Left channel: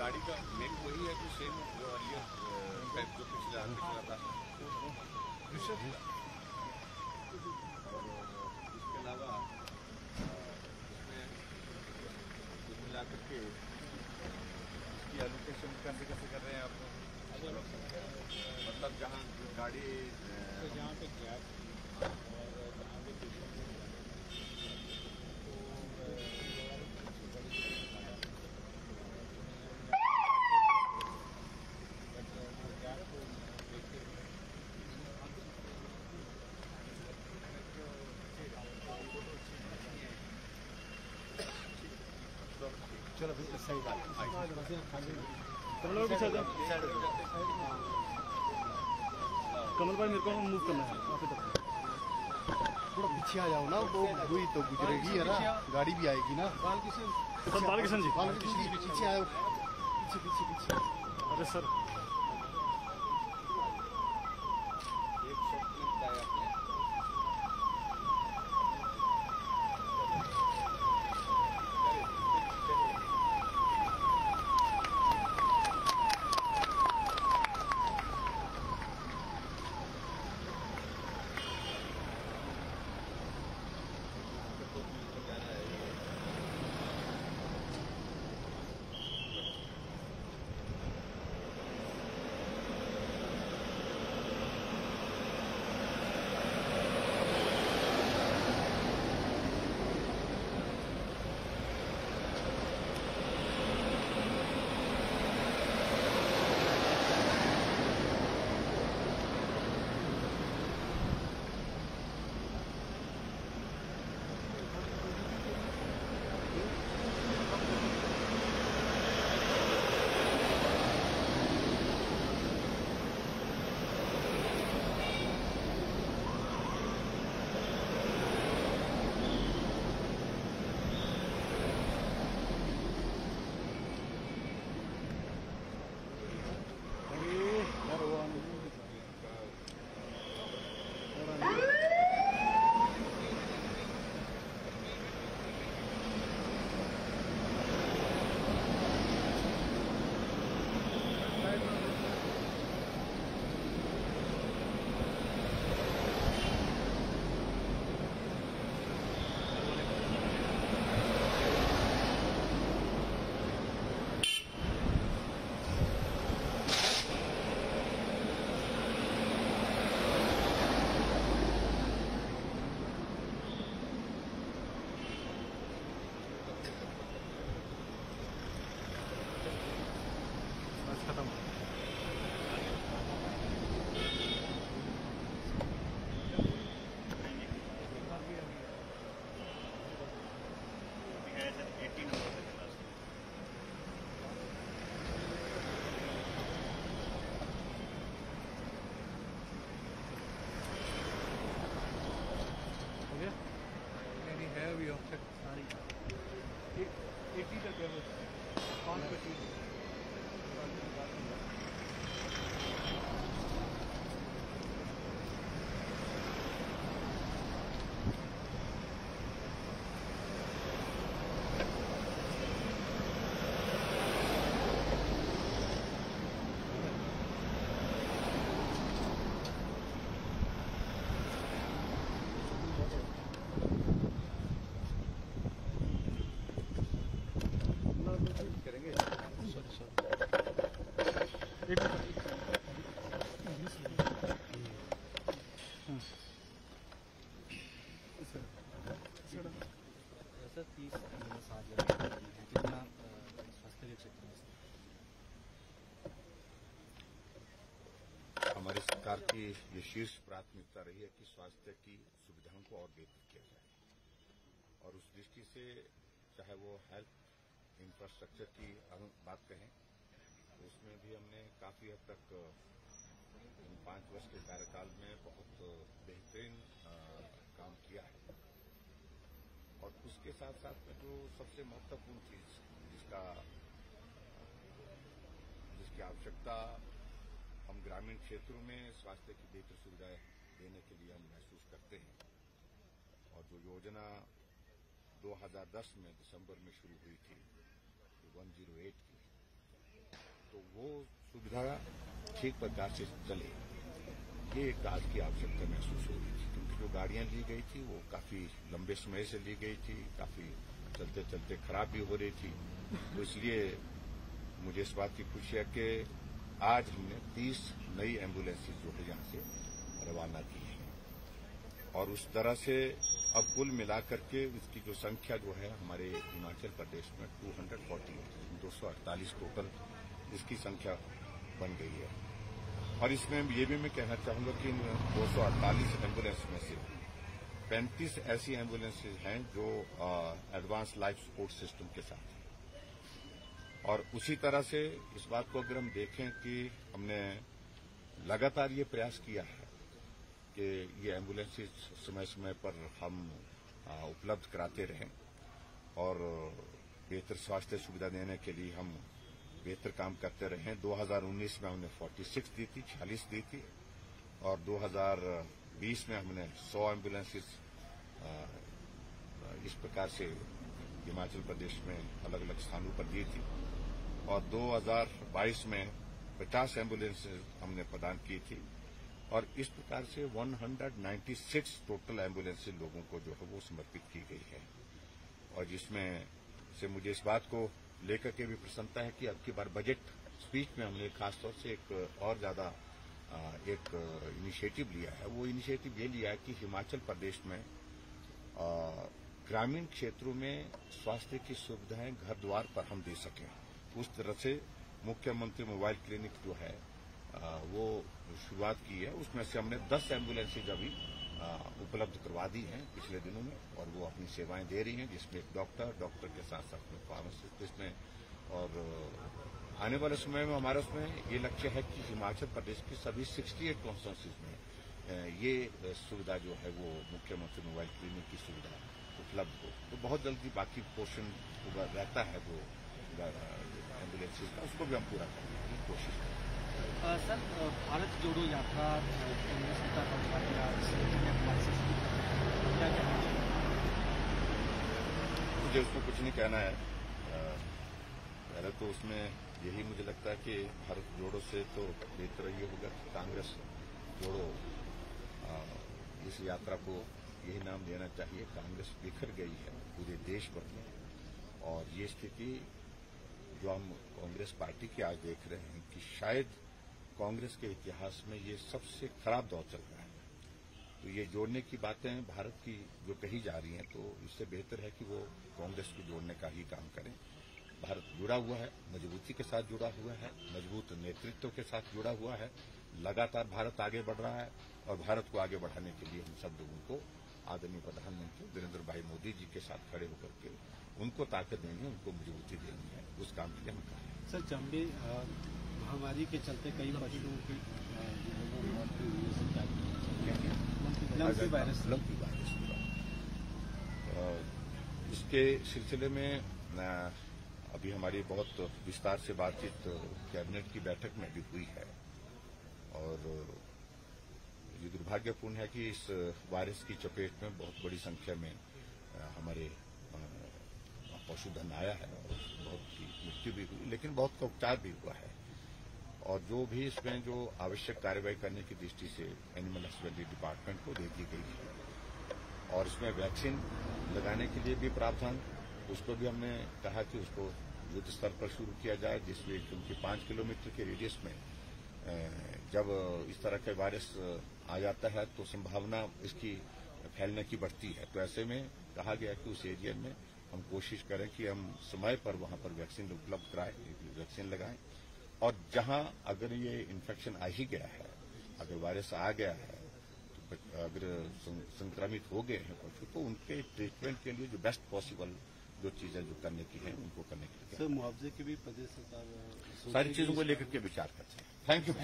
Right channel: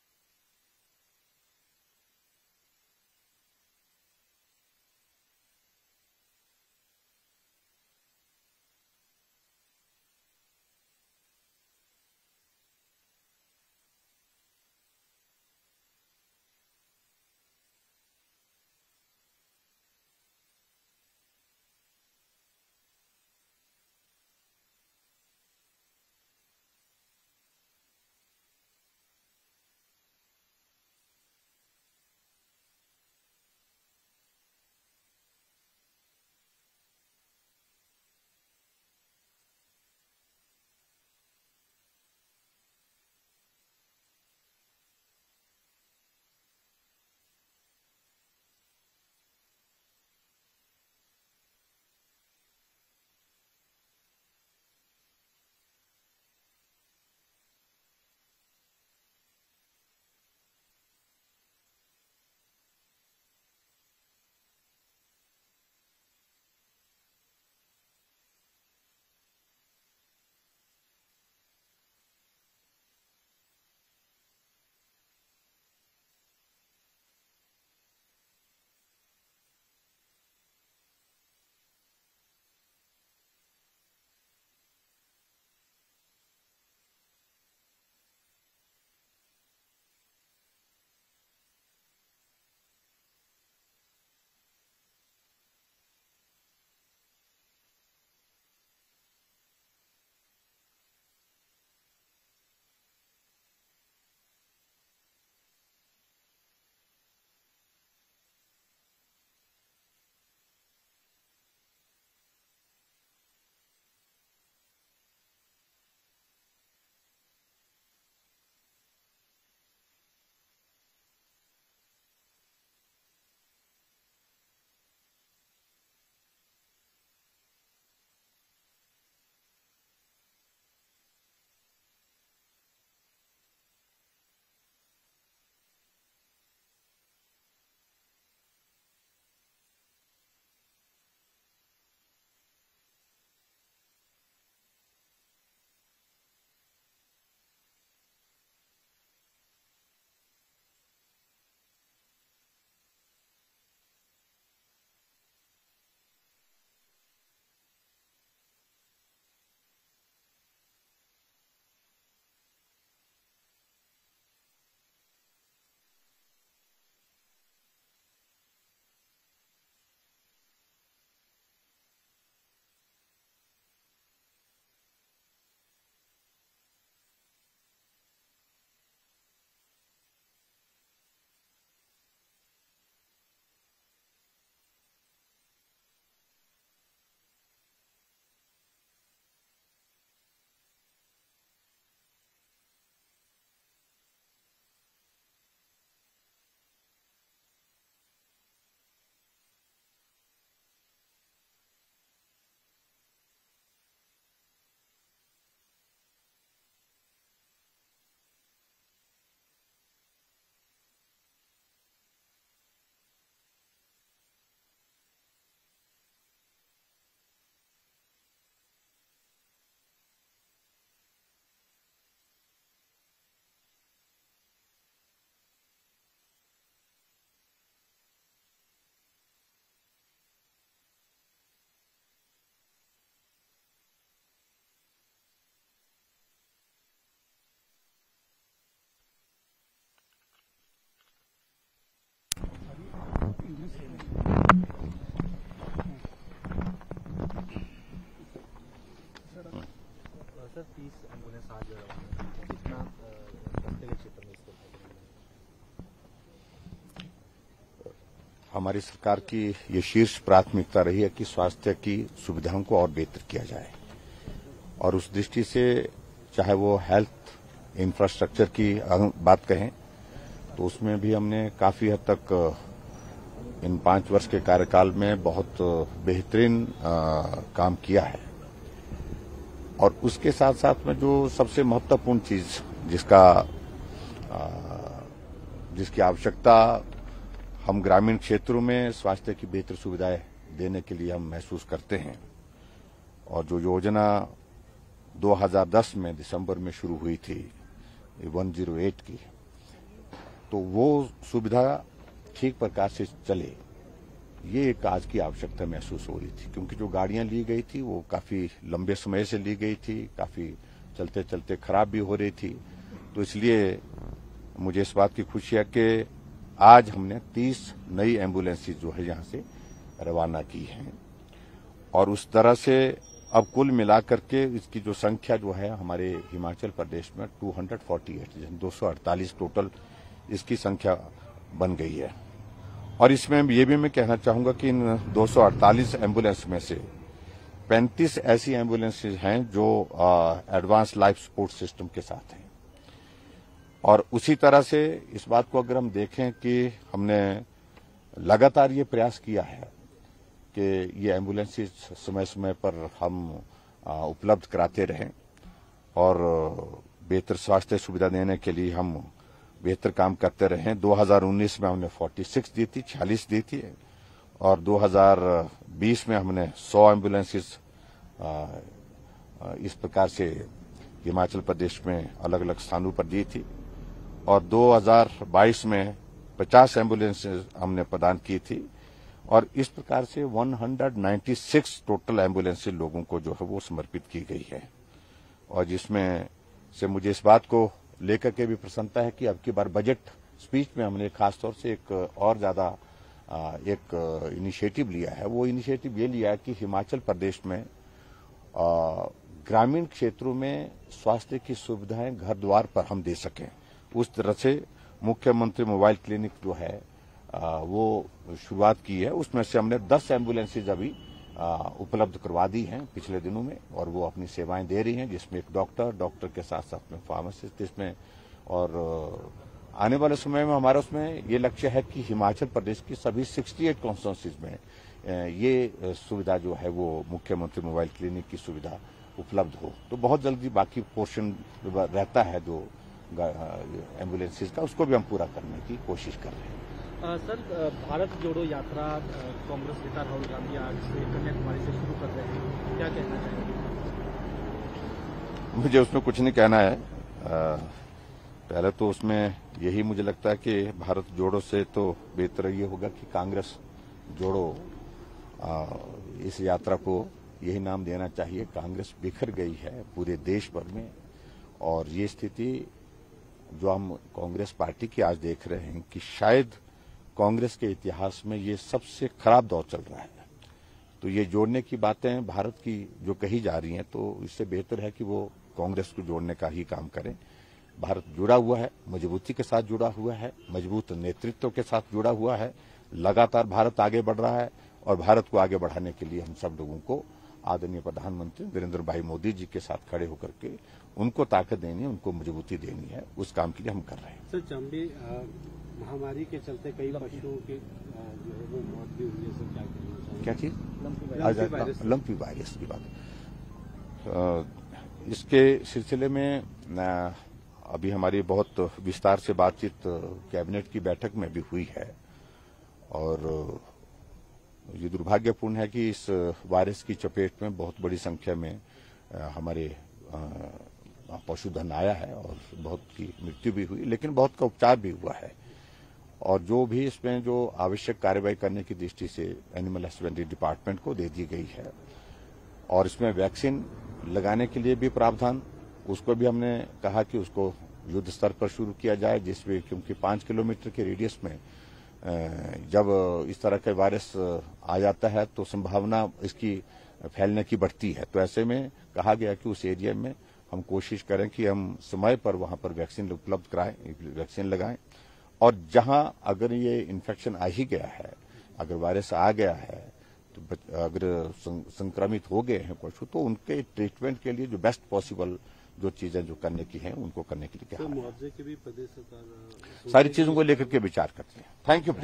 गाड़ी का मेक वही है कि सेम जो अर्लियर टाइप जो पिछला था। और इसके अलावा इसमें कुल मिलाकर के इसकी एलोकेशन कैसे कर रहे हैं आप? मतलब जहाँ गाड़ी जहाँ पे गैप और जहाँ पे चलो सही बात कमल भाई पीछे कमल भाई मेरे को मूव करना है थोड़ा पीछे आ जाओ ना, वो हुई तो गुजरेगी है ना, गाड़ी भी आएगी ना। बालकिशन जी पीछे आओ, पीछे। अरे सर एक शॉट लगता है आपने। हमारी सरकार की ये शीर्ष प्राथमिकता रही है कि स्वास्थ्य की सुविधाओं को और बेहतर किया जाए, और उस दृष्टि से चाहे वो हेल्थ इंफ्रास्ट्रक्चर की बात कहें तो उसमें भी हमने काफी हद तक इन 5 वर्ष के कार्यकाल में बहुत बेहतरीन काम किया है। और उसके साथ साथ में जो सबसे महत्वपूर्ण चीज जिसकी आवश्यकता हम ग्रामीण क्षेत्रों में स्वास्थ्य की बेहतर सुविधाएं देने के लिए हम महसूस करते हैं, और जो योजना 2010 में दिसंबर में शुरू हुई थी 108 की, तो वो सुविधा ठीक प्रकार से चले, ये एक आज की आवश्यकता महसूस हो रही थी। क्योंकि जो गाड़ियां ली गई थी वो काफी लंबे समय से ली गई थी, काफी चलते चलते खराब भी हो रही थी। तो इसलिए मुझे इस बात की खुशी है कि आज हमने 30 नई एम्बुलेंसेज जो है यहाँ से रवाना की हैं, और उस तरह से अब कुल मिलाकर के इसकी जो संख्या जो है हमारे हिमाचल प्रदेश में 248 टोटल इसकी संख्या बन गई है। और इसमें ये भी मैं कहना चाहूंगा कि इन 248 एम्बुलेंस में से 35 ऐसी एम्बुलेंसेज हैं जो एडवांस लाइफ सपोर्ट सिस्टम के साथ हैं। और उसी तरह से इस बात को अगर हम देखें कि हमने लगातार ये प्रयास किया है कि ये एम्बुलेंसेज समय समय पर हम उपलब्ध कराते रहें, और बेहतर स्वास्थ्य सुविधा देने के लिए हम बेहतर काम करते रहे। 2019 में हमने 46 दी थी, 46 दी थी, और 2020 में हमने 100 एम्बुलेंसेज इस प्रकार से हिमाचल प्रदेश में अलग अलग स्थानों पर दी थी, और 2022 में 50 एम्बुलेंसेज हमने प्रदान की थी, और इस प्रकार से 196 टोटल एम्बुलेंसेज लोगों को जो है वो समर्पित की गई है। और जिसमें से मुझे इस बात को लेकर के भी प्रसन्नता है कि अब की बार बजट स्पीच में हमने खासतौर से एक और ज्यादा एक इनिशिएटिव लिया है। वो इनिशिएटिव ये लिया है कि हिमाचल प्रदेश में ग्रामीण क्षेत्रों में स्वास्थ्य की सुविधाएं घर द्वार पर हम दे सकें। उस तरह से मुख्यमंत्री मोबाइल क्लिनिक जो है वो शुरुआत की है। उसमें से हमने 10 एम्बुलेंसेज अभी उपलब्ध करवा दी हैं पिछले दिनों में, और वो अपनी सेवाएं दे रही हैं, जिसमें एक डॉक्टर के साथ साथ में फार्मासिस्ट इसमें। और आने वाले समय में हमारा उसमें ये लक्ष्य है कि हिमाचल प्रदेश की सभी 68 कॉन्स्टिट्यूंसीज में ये सुविधा जो है वो मुख्यमंत्री मोबाइल क्लिनिक की सुविधा उपलब्ध हो। तो बहुत जल्दी बाकी पोर्शन रहता है जो एम्बुलेंसेज का, उसको भी हम पूरा करने की कोशिश कर रहे हैं। सर, भारत जोड़ो यात्रा कांग्रेस नेता राहुल गांधी आज से कन्याकुमारी से शुरू कर रहे हैं, क्या कहना चाहिए? मुझे उसमें कुछ नहीं कहना है। पहले तो उसमें यही मुझे लगता है कि भारत जोड़ो से तो बेहतर ये होगा कि कांग्रेस जोड़ो, इस यात्रा को यही नाम देना चाहिए। कांग्रेस बिखर गई है पूरे देश भर में, और ये स्थिति जो हम कांग्रेस पार्टी की आज देख रहे हैं कि शायद कांग्रेस के इतिहास में ये सबसे खराब दौर चल रहा है। तो ये जोड़ने की बातें भारत की जो कही जा रही हैं, तो इससे बेहतर है कि वो कांग्रेस को जोड़ने का ही काम करें। भारत जुड़ा हुआ है, मजबूती के साथ जुड़ा हुआ है, मजबूत नेतृत्व के साथ जुड़ा हुआ है। लगातार भारत आगे बढ़ रहा है, और भारत को आगे बढ़ाने के लिए हम सब लोगों को आदरणीय प्रधानमंत्री नरेंद्र भाई मोदी जी के साथ खड़े होकर के उनको ताकत देनी है, उनको मजबूती देनी है। उस काम के लिए हम कर रहे हैं। सर, चमड़ी महामारी के चलते कई पशुओं की मौत भी हो सकता है। क्या चीज? लंपी वायरस की बात। इसके सिलसिले में अभी हमारी बहुत विस्तार से बातचीत कैबिनेट की बैठक में भी हुई है, और ये दुर्भाग्यपूर्ण है कि इस वायरस की चपेट में बहुत बड़ी संख्या में हमारे पशुधन आया है, और बहुत की मृत्यु भी हुई, लेकिन बहुत का उपचार भी हुआ है। और जो भी इसमें जो आवश्यक कार्रवाई करने की दृष्टि से एनिमल हस्बेंड्री डिपार्टमेंट को दे दी गई है, और इसमें वैक्सीन लगाने के लिए भी प्रावधान, उसको भी हमने कहा कि उसको युद्ध स्तर पर शुरू किया जाए, जिसमें क्योंकि 5 किलोमीटर के रेडियस में जब इस तरह का वायरस आ जाता है तो संभावना इसकी फैलने की बढ़ती है। तो ऐसे में कहा गया कि उस एरिया में हम कोशिश करें कि हम समय पर वहां पर वैक्सीन उपलब्ध कराएं, वैक्सीन लगाएं। और जहां अगर ये इन्फेक्शन आ ही गया है, अगर वायरस आ गया है, तो अगर संक्रमित हो गए हैं पशु, तो उनके ट्रीटमेंट के लिए जो बेस्ट पॉसिबल जो चीजें जो करने की हैं उनको करने के लिए क्या मुआवजे के भी प्रदेश सरकार सारी चीजों को लेकर के विचार करते हैं। Thank you.